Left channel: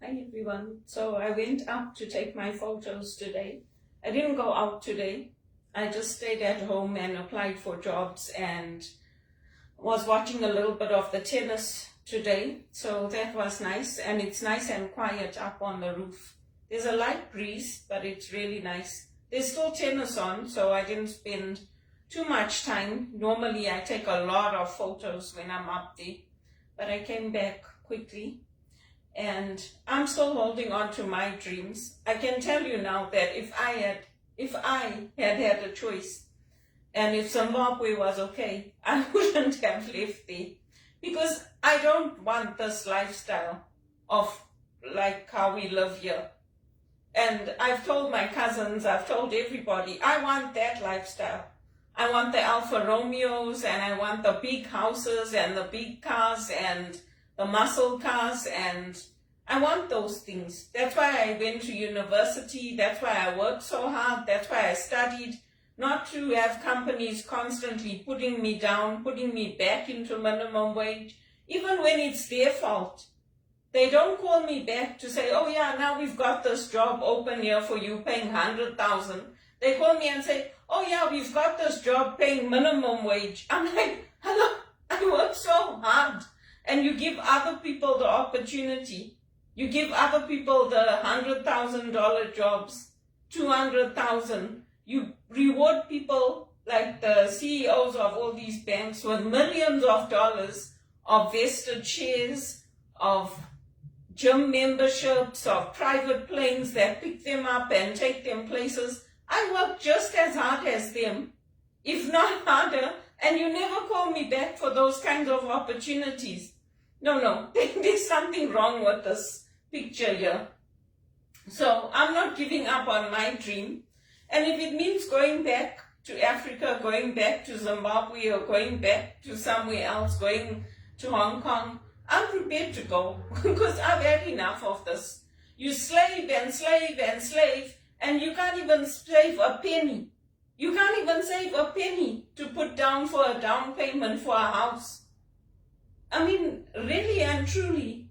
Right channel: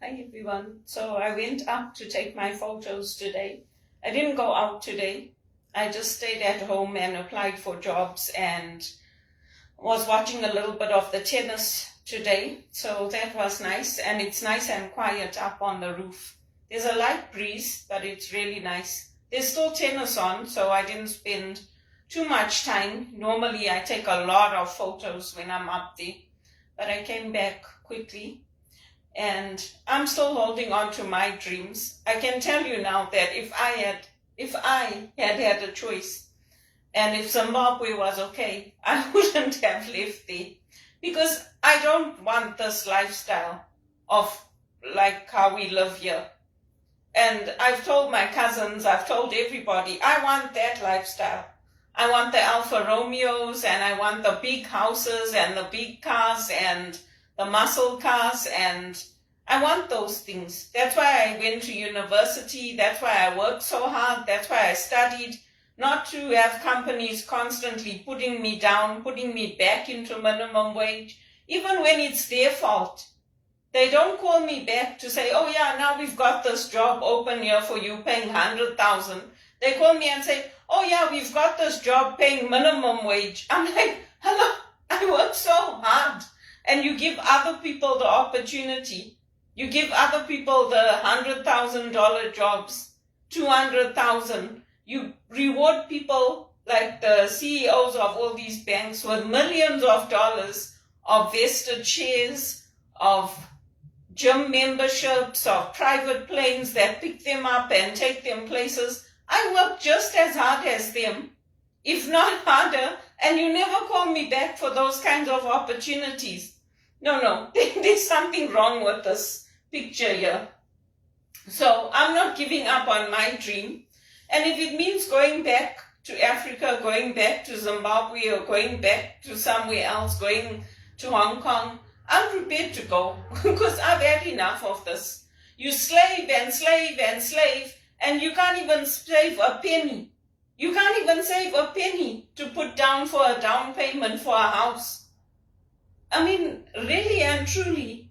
Hi everyone. So I went up to take my photos today. I didn't go out today. I just stayed at home and applied for jobs and was watching a little bit of the tennis today. So that was nice, and it's nice and quiet up on the roof. There's a light breeze, but it's really nice. There's still tennis on, so I didn't spend too much time. Normally I take a lot of photos when I'm up there, but I came back quickly. And I'm still holding on to my dreams. I can tell you now that if I had a choice, and if Zimbabwe was okay, I wouldn't have lived there, because I don't want this lifestyle of like how we live here. And I've told my cousins, I've told everybody, I want that lifestyle. I want the Alfa Romeos, and I want the big houses and the big cars and the muscle cars, and I want those things. That's why I went to university. That's why I worked so hard. That's why I studied, not to have companies constantly putting me down, putting me back into minimum wage, even when it's their fault. They don't call me back to say, oh yeah, now we've got this job open here for you paying 100,000. They call me and say, oh yeah, we've got this job paying minimum wage. I'm like, hello, I work so hard. And you give other people the opportunity. You give other people the $100,000 jobs, 200,000. You reward people like the CEOs of all these banks with millions of dollars of vested shares, of gym memberships, of private planes that pick them up and take them places. I work just as hard as them, if not harder, and you never call me back for those kinds of opportunities. No, there's something wrong with this picture here. So I'm not giving up on my dream. And if it means going back to Africa, going back to Zimbabwe, or going back to somewhere else, going to Hong Kong, I'm prepared to go, because I've had enough of this. You slave and slave and slave, and you can't even save a penny. You can't even save a penny to put down for a down payment for a house. I mean, really and truly.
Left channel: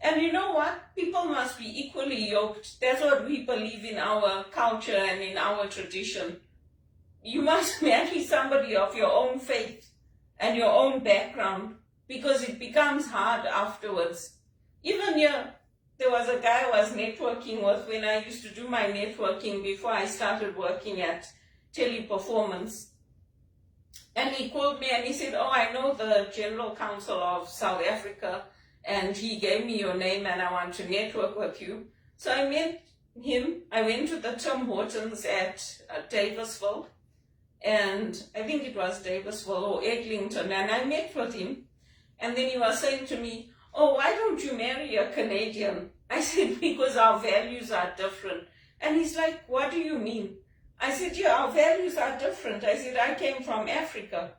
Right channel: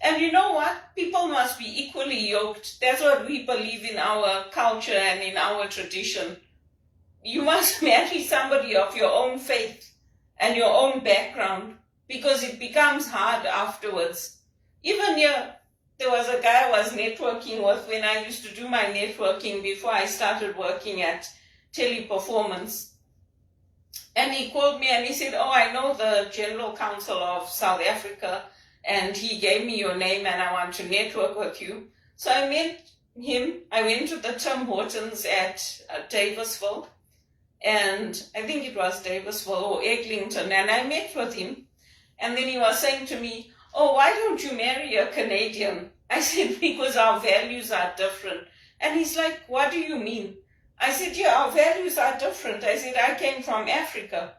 And you know what? People must be equally yoked. That's what we believe in our culture and in our tradition. You must marry somebody of your own faith and your own background, because it becomes hard afterwards. Even here, there was a guy I was networking with when I used to do my networking before I started working at Teleperformance. And he called me and he said, oh, I know the General Counsel of South Africa, and he gave me your name and I want to network with you. So I met him. I went to the Tim Hortons at Davisville, and I think it was Davisville or Eglinton, and I met with him. And then he was saying to me, oh, why don't you marry a Canadian? I said, because our values are different. And he's like, what do you mean? I said, yeah, our values are different. I said, I came from Africa.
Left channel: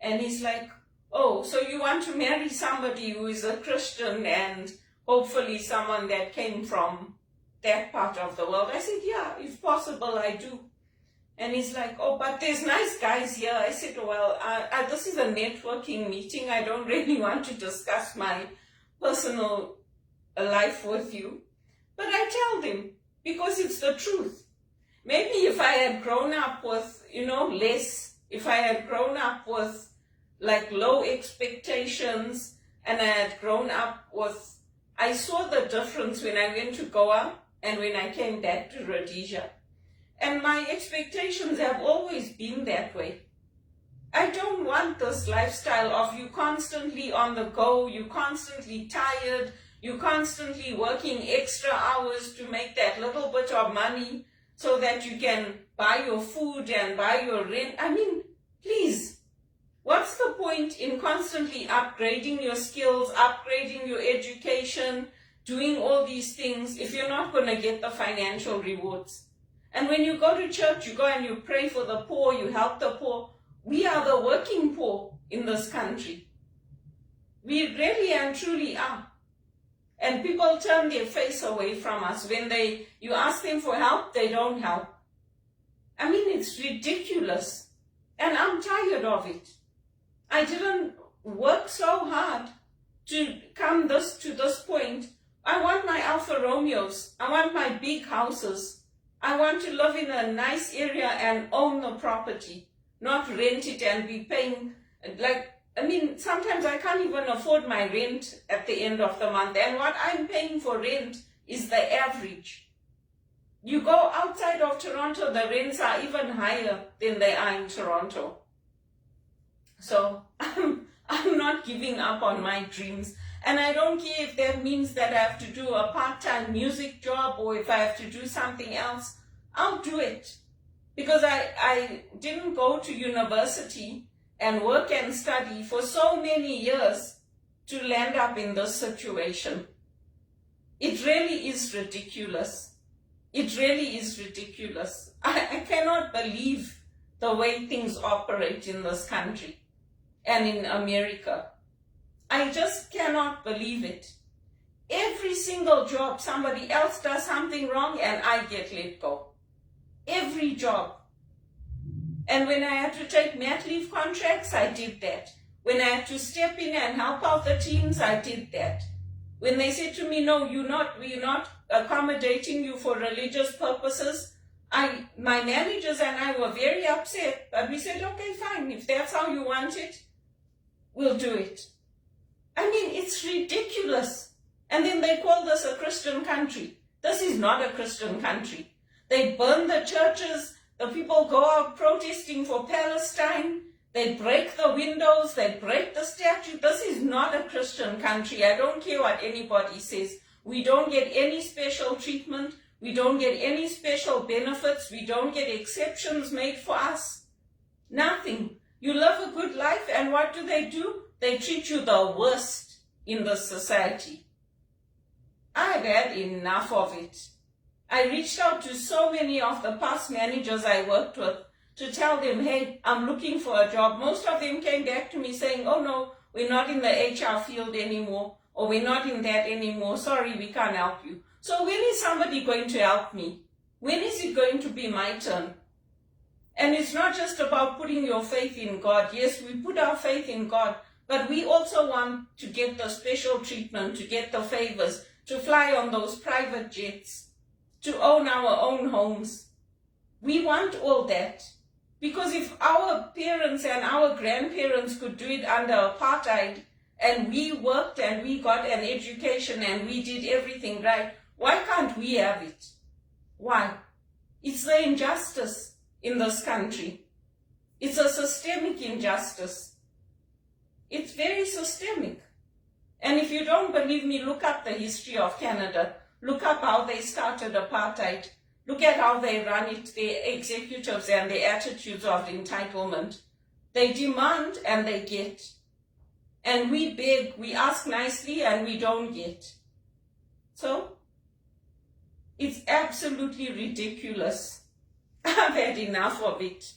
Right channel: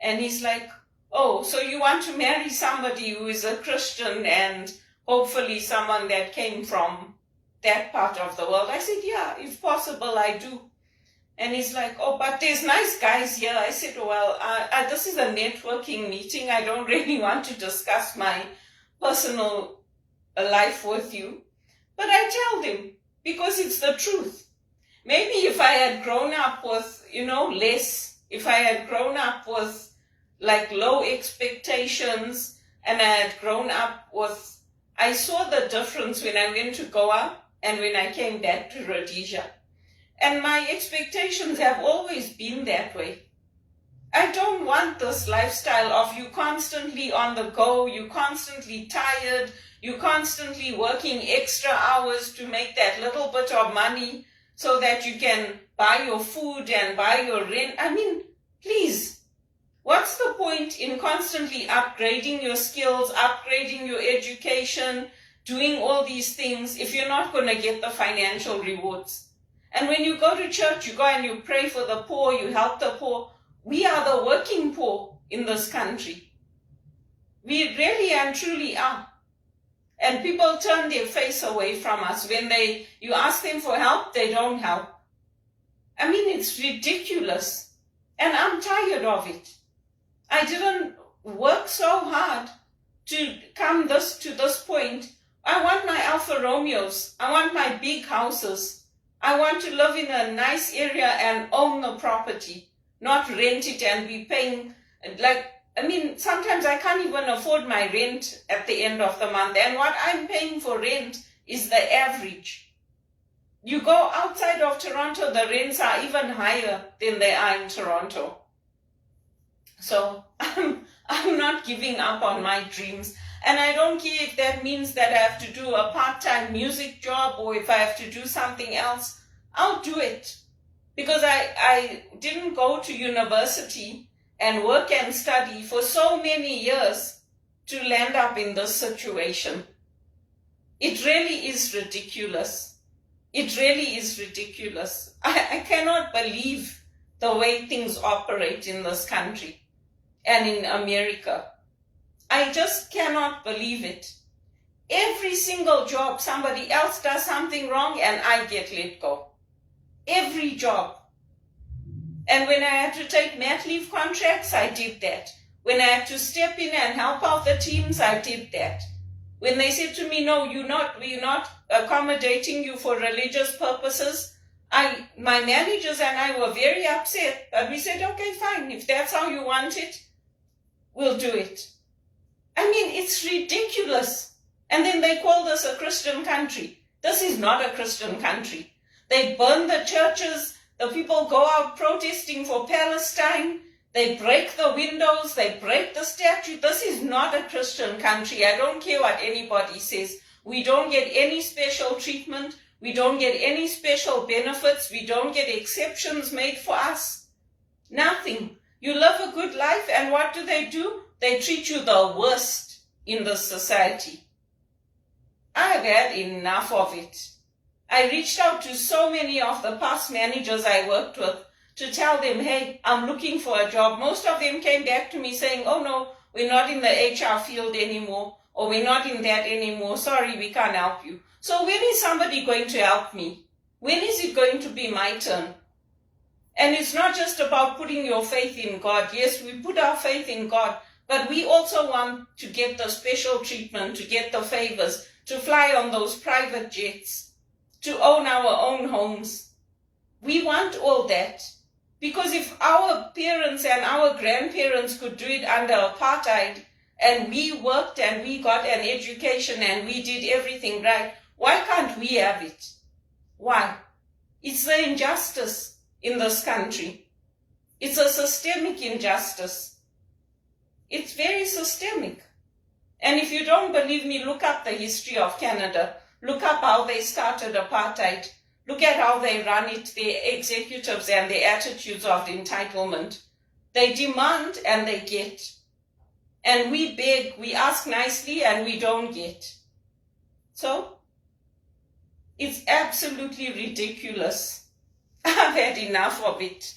And he's like, oh, so you want to marry somebody who is a Christian and hopefully someone that came from that part of the world? I said, yeah, if possible, I do. And he's like, oh, but there's nice guys here. I said, well, this is a networking meeting. I don't really want to discuss my personal life with you. But I tell them, because it's the truth. Maybe if I had grown up with, less, if I had grown up with like low expectations, and I had grown up with, I saw the difference when I went to Goa and when I came back to Rhodesia. And my expectations have always been that way. I don't want this lifestyle of you constantly on the go, you constantly tired, you constantly working extra hours to make that little bit of money so that you can buy your food and buy your rent. I mean, please, what's the point in constantly upgrading your skills, upgrading your education, doing all these things if you're not going to get the financial rewards? And when you go to church, you go and you pray for the poor, you help the poor. We are the working poor in this country. We really and truly are. And people turn their face away from us. When you ask them for help, they don't help. I mean, it's ridiculous. And I'm tired of it. I didn't work so hard to come to this point. I want my Alfa Alfa Romeos. I want my big houses. I want to live in a nice area and own the property, not rent it and be paying, sometimes I can't even afford my rent at the end of the month. And what I'm paying for rent is the average. You go outside of Toronto, the rents are even higher than they are in Toronto. So I'm not giving up on my dreams. And I don't care if that means that I have to do a part-time music job or if I have to do something else, I'll do it. Because I didn't go to university and work and study for so many years to land up in this situation. It really is ridiculous. It really is ridiculous. I cannot believe the way things operate in this country and in America. I just cannot believe it. Every single job, somebody else does something wrong and I get let go. Every job. And when I had to take mat leave contracts, I did that. When I had to step in and help out the teams, I did that. When they said to me, no, we're not accommodating you for religious purposes, my managers and I were very upset. But we said, okay, fine. If that's how you want it, we'll do it. I mean, it's ridiculous. And then they called us a Christian country. This is not a Christian country. They burn the churches. The people go out protesting for Palestine. They break the windows. They break the statue. This is not a Christian country. I don't care what anybody says. We don't get any special treatment. We don't get any special benefits. We don't get exceptions made for us. Nothing. You live a good life, and what do? They treat you the worst in this society. I've had enough of it. I reached out to so many of the past managers I worked with to tell them, hey, I'm looking for a job. Most of them came back to me saying, oh no, we're not in the HR field anymore, or we're not in that anymore. Sorry, we can't help you. So when is somebody going to help me? When is it going to be my turn? And it's not just about putting your faith in God. Yes, we put our faith in God, but we also want to get the special treatment, to get the favors, to fly on those private jets, to own our own homes. We want all that. Because if our parents and our grandparents could do it under apartheid, and we worked and we got an education and we did everything right, why can't we have it? Why? It's the injustice in this country. It's a systemic injustice. It's very systemic. And if you don't believe me, look up the history of Canada. Look up how they started apartheid. Look at how they run it, their executives and their attitudes of entitlement. They demand and they get. And we beg, we ask nicely and we don't get. So, it's absolutely ridiculous. I've had enough of it.